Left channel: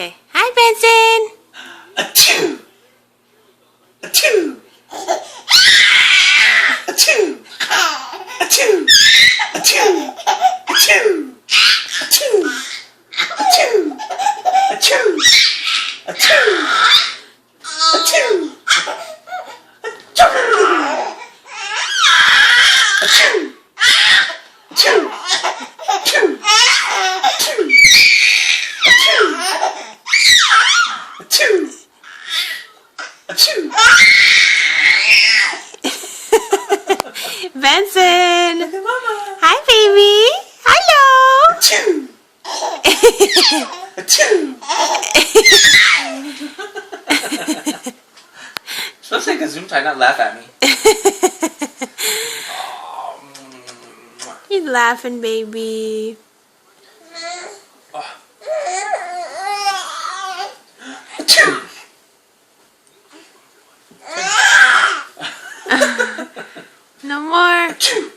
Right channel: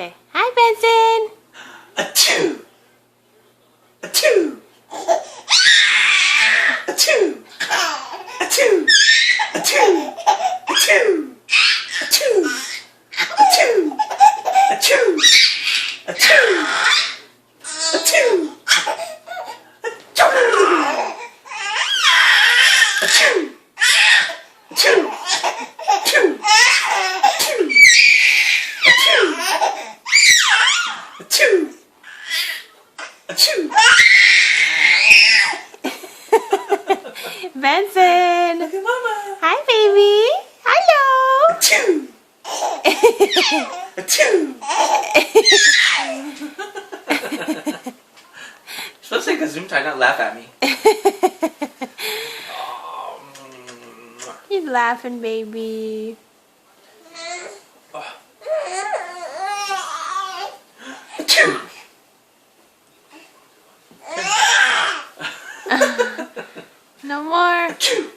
Okay. Hi, Benson. Achoo! Achoo! Achoo! Achoo! Achoo! Achoo! Achoo! Achoo! Achoo! Achoo! Achoo! Achoo! Achoo! Achoo! Achoo! Achoo! Benson. Look at Mama. Hi, baby. Hello. Achoo! Achoo! Supposed to take a zoom tight, not laugh at me. He's laughing, baby. Achoo! No more. Achoo!